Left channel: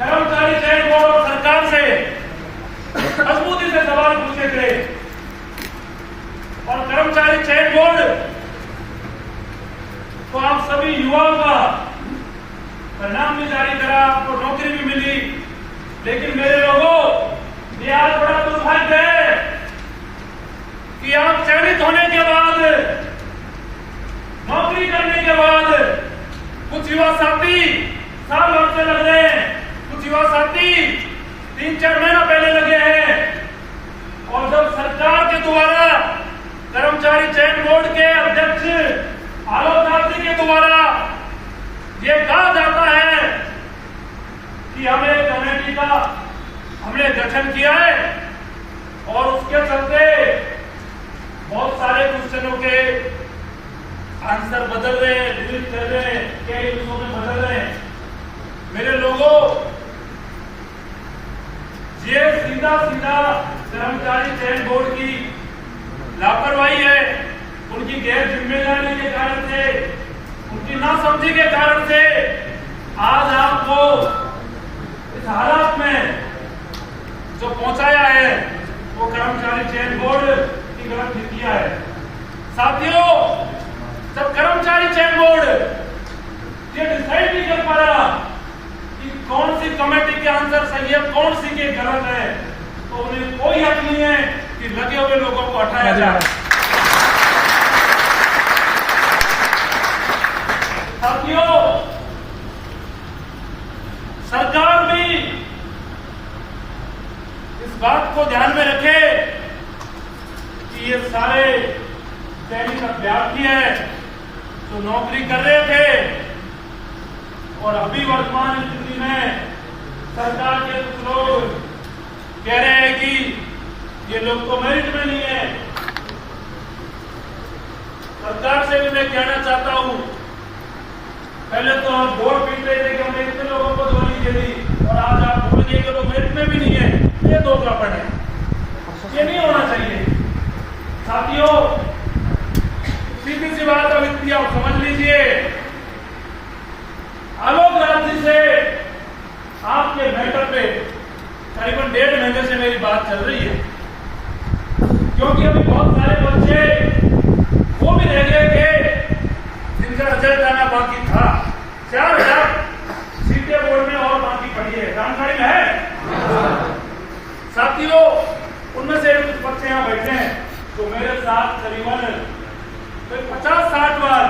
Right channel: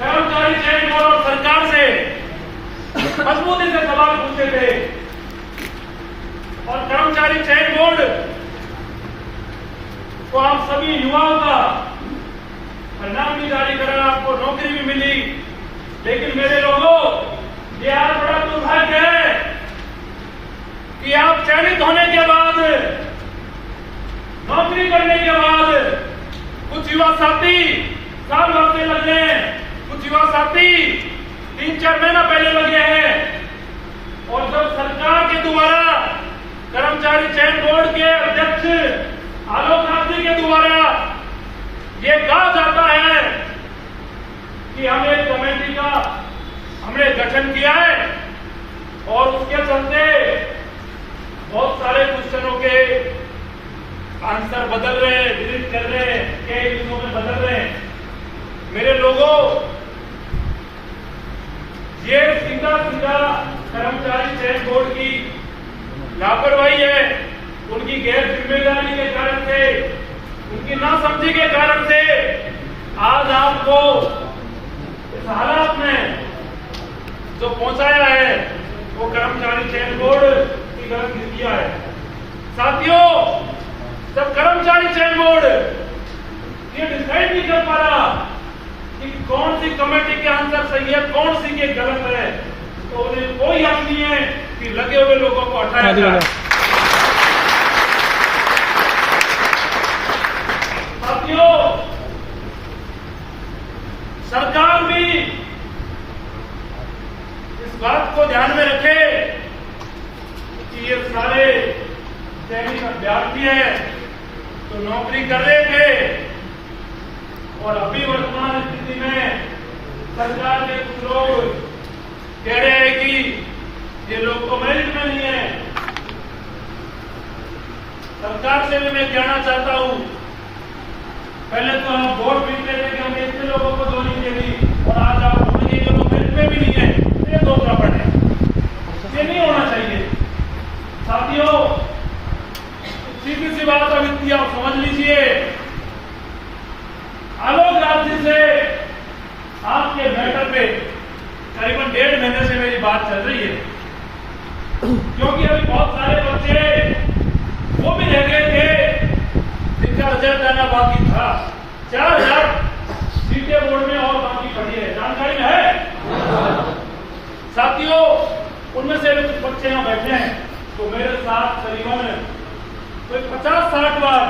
कर्मचारी चयन बोर्ड और सरकार से मजबूती से सवाल पूछे थे और कर्मचारी चयन बोर्ड तो आप सभी युवाओं का परिणाम भी जारी करा, आपको नौकरी भी मिली। लेकिन मेरे लोगों, ये आज बड़ा दुर्भाग्य है कि आप चयनित होने के बाद, नौकरी करने के बाद कुछ युवा साथी साल भर से लग रहे हैं, कुछ युवा साथी 3-4 महीना पहले लगे हैं। और जब सरकार के द्वारा कर्मचारी चयन बोर्ड के अध्यक्ष आलोक नाथ जी के द्वारा ये कहा जाता है कि हमने कमेटी का गठन किया है और उसके चलते बहुत सारे क्वेश्चनों के आंसर बदल रहे हैं, डिलीट कर रहे हैं, कई हिस्सों में बदल रहे हैं। मेरे लोगों, ये सीधा कर्मचारी चयन बोर्ड की लापरवाही है, उनकी गैर जिम्मेदारी के कारण से, उनकी नासमझी के कारण से आज आपको इस हालात में जो पहुंचाया है वो कर्मचारी चयन बोर्ड की गलत नीतियां है। साथियों, जब कर्मचारी चयन बोर्ड ये डिसाइड नहीं कर पा रहा कि कौन सी कमेटी के आंसर सही है, कौन सी के गलत है, तो उन्हें कोई हक नहीं है कि लगे हुए लोगों को हटाया जाए। साथियों, सरकार भी इस बात को ध्यान में रखे कि ये सारे चयनित अभ्यर्थी हैं जो नौकरी कर रहे थे और अभी वर्तमान स्थिति में सरकार के कुछ लोग कह रहे हैं कि ये लोग तो मेरिट में नहीं है। सरकार से भी मैं कहना चाहता हूं, पहले तो हम बोर्ड पीट रहे थे कि हमने इतने लोगों को ज्वाइनिंग दे दी और आज आप बोलेंगे कि लोग मेरिट में भी नहीं है, ये दो गड़बड़ है, ये नहीं होना चाहिए। साथियों, सीधी सी बात अब इतनी आप समझ लीजिए, आलोक नाथ जी से आपके मैटर पे करीबन 1.5 महीने से मेरी बात चल रही है, क्योंकि अभी बहुत सारे बच्चे वो भी रह गए थे जिनका रिजल्ट आना बाकी था। 4000 सीटें बोर्ड में और बाकी पड़ी है, जानकारी में है। साथियों, उनमें से कुछ बच्चे यहाँ बैठे हैं तो मेरे साथ करीबन 50-60 बार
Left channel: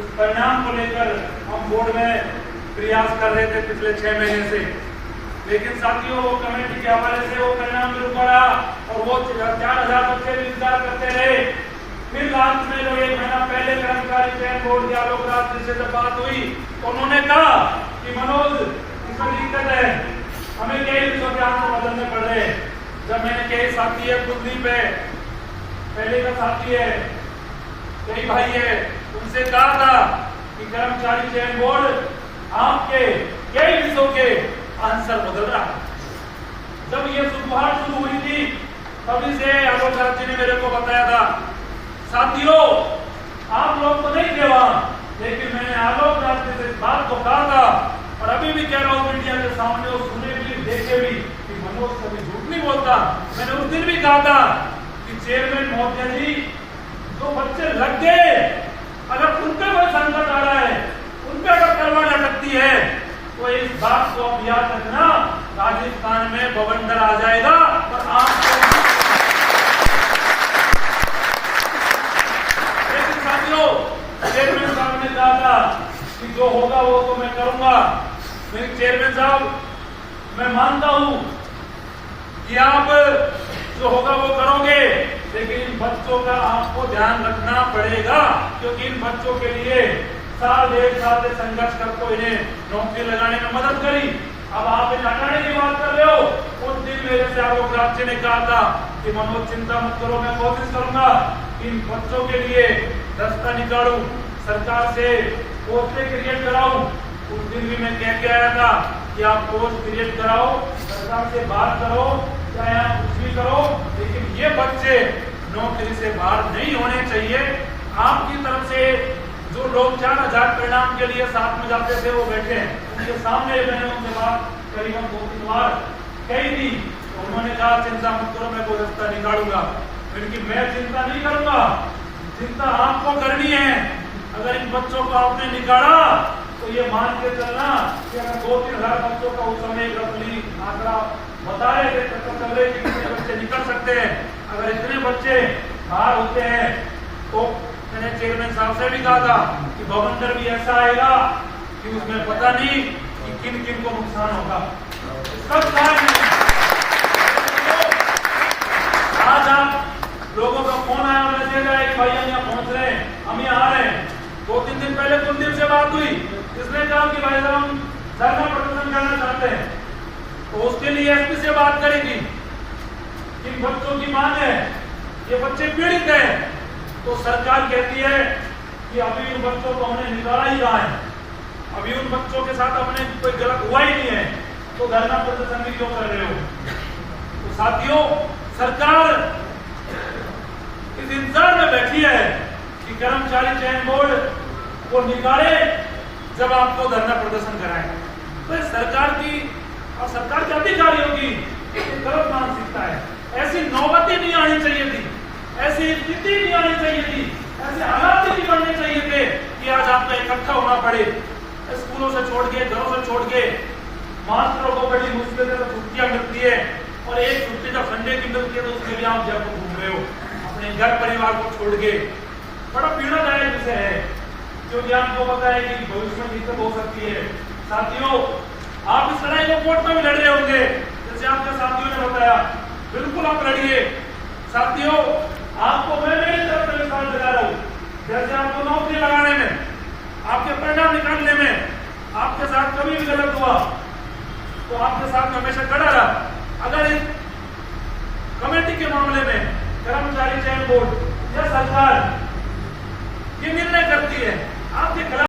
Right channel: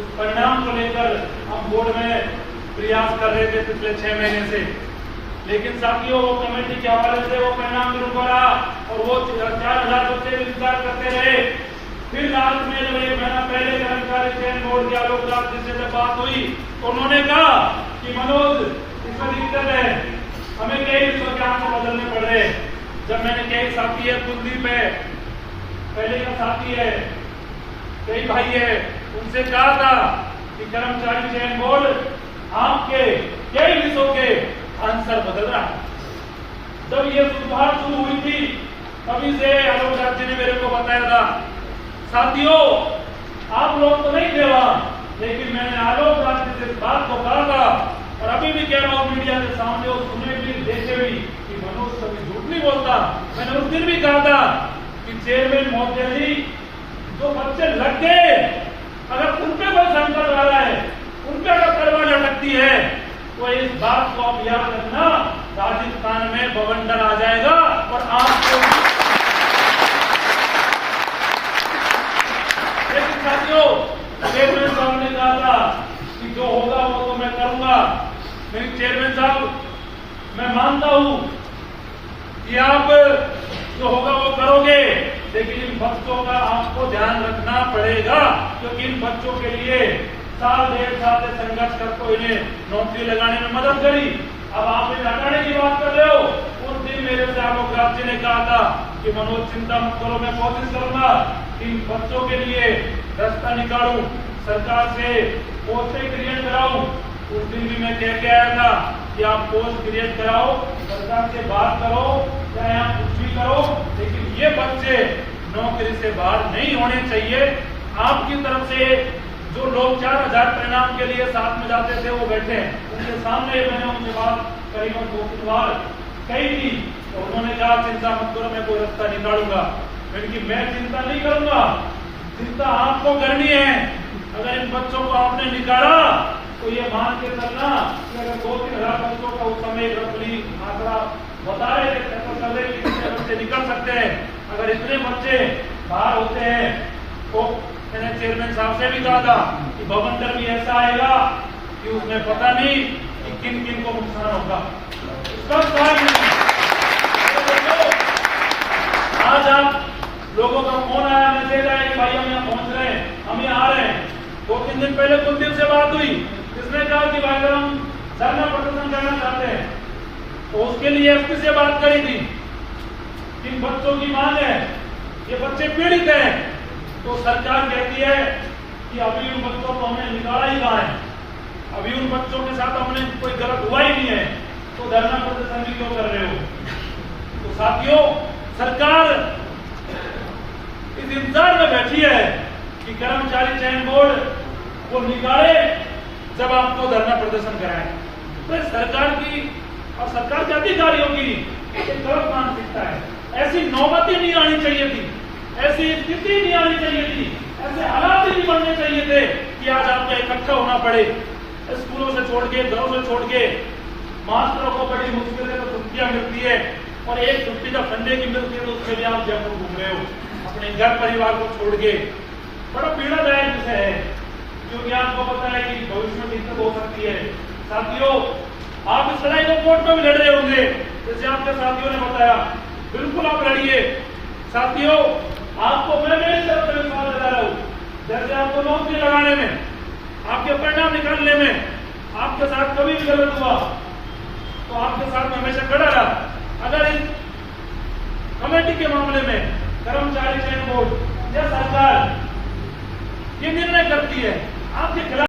उस परिणाम को लेकर हम बोर्ड में प्रयास कर रहे थे पिछले 6 महीने से। लेकिन साथियों, वो कमेटी के हवाले से वो परिणाम नहीं रुका रहा और वो 4000 बच्चे इंतजार करते रहे। फिर रात में जो 1 महीना पहले कर्मचारी चयन बोर्ड के आलोक नाथ जी से जब बात हुई तो उन्होंने कहा कि मनोज, इसमें दिक्कत है, हमें कई हिस्सों के आंसर बदलने पड़ रहे हैं। जब मैंने कई साथी है, कुलदीप है, पहले का साथी है, कई भाई है, उनसे कहा था कि कर्मचारी चयन बोर्ड आपके कई हिस्सों के आंसर बदल रहा है। जब ये सुधार शुरू हुई थी तभी से आलोक नाथ जी ने मेरे को बताया था। साथियों, आप लोग तो नहीं थे वहां, लेकिन मैंने आलोक नाथ जी से इस बात को कहा था और अभी भी कह रहा हूं मीडिया के सामने, और सुने भी देखे भी कि मनोज कभी झूठ नहीं बोलता। मैंने उस दिन भी कहा था कि चेयरमैन महोदय जी, जो बच्चे लग गए, अगर उनके कोई संकट आ रहा है, उनके अगर तलवार लटकती है, तो इस बात को आप याद रखना, राजस्थान में बवंडर आ जाएगा और आपको। साथियों, चेयरमैन साहब ने कहा था कि जो होगा वो तो मैं करूंगा। मेरे चेयरमैन साहब, मैं मानता हूं कि आप जो होगा वो करोगे, लेकिन इन बच्चों का आपको ध्यान रखना पड़ेगा, क्योंकि इन बच्चों के लिए 1.5 साल से संघर्ष करके इन्हें नौकरी लगाने में मदद करी। अब आप इन्हें हटाने की बात कर रहे हो। उस दिन मेरे से आलोक नाथ जी ने कहा था कि मनोज, चिंता मत करो, मैं कोशिश करूंगा इन बच्चों के लिए रास्ता निकालूं, सरकार से पोस्टें क्रिएट कराऊं। उस दिन भी मैं कह के आया था कि आप पोस्ट क्रिएट कराओ, सरकार से बात करो, चाहे आप कुछ भी करो, लेकिन ये बच्चे नौकरी से बाहर नहीं होने चाहिए। आपकी तरफ से जो लोग 4000 परिणाम के लिए साथ में जाते थे वो बैठे हैं, उनके सामने मैंने उनसे बात करीबन 2-3 बार कही थी, तो उन्होंने कहा चिंता मत करो, मैं कोई रास्ता निकालूंगा। क्योंकि मैं चिंता नहीं करूंगा, चिंता आपको करनी है। अगर इन बच्चों को आपने निकाला तो ये मान के चलना कि अगर 2-3 हजार बच्चों का उस समय रफली आंकड़ा बता रहे थे, चक्कर चल रहे कि कितने बच्चे निकल सकते हैं, अगर इतने बच्चे बाहर होते हैं तो मैंने चेयरमैन साहब से भी कहा था कि भवंतर भी ऐसा आएगा कि उसमें पता नहीं कि किन किन को नुकसान होगा। सब आज आप लोगों का फोन आया, मैसेज आया कि भाई हम यहाँ पहुंच रहे हैं, हम यहाँ आ रहे हैं। 2-3 दिन पहले कुलदीप से बात हुई, जिसने कहा कि भाई साहब हम धरना प्रदर्शन करना चाहते हैं, तो उसके लिए एसपी से बात करी थी। इन बच्चों की मांग है, ये बच्चे पीड़ित हैं, तो सरकार कहती है कि अभी उन बच्चों को हमने निकाला ही कहा है, अभी उन बच्चों के साथ हमने कोई गलत हुआ ही नहीं है, तो धरना प्रदर्शन भी क्यों कर रहे हो। तो साथियों, सरकार इस इंतजार में बैठी है कि कर्मचारी चयन बोर्ड को निकाले जब आपको धरना प्रदर्शन कराएं। तो सरकार की और सरकार के अधिकारियों की गलत मानसिकता है। ऐसी नौबत ही नहीं आनी चाहिए थी, ऐसी स्थिति नहीं आनी चाहिए थी, ऐसे हालात ही नहीं बनने चाहिए थे कि आज आपको इकट्ठा होना पड़े। स्कूलों से छोड़ के, घरों से छोड़ के, मास्टरों को बड़ी मुश्किल से छुट्टियां मिलती है और एक छुट्टी तो संडे की मिलती है, तो उसके लिए आप जयपुर घूम रहे हो अपने घर परिवार को छोड़ के। बड़ा पीड़ादायक विषय है, क्योंकि आपको पता है कि भविष्य में दिक्कत हो सकती है। साथियों, आप इस लड़ाई को कोर्ट में भी लड़ रहे होंगे, जैसे आपके साथियों ने बताया, बिल्कुल आप लड़िए। साथियों, आपको मैं मेरी तरफ से विश्वास दिला रहा हूँ, जैसे आपको नौकरी लगाने में, आपके परिणाम निकालने में आपके साथ कभी भी गलत हुआ तो आपके साथ में हमेशा खड़ा रहा। अगर इस कमेटी के मामले में कर्मचारी चयन बोर्ड या सरकार ये निर्णय करती है आपके खिलाफ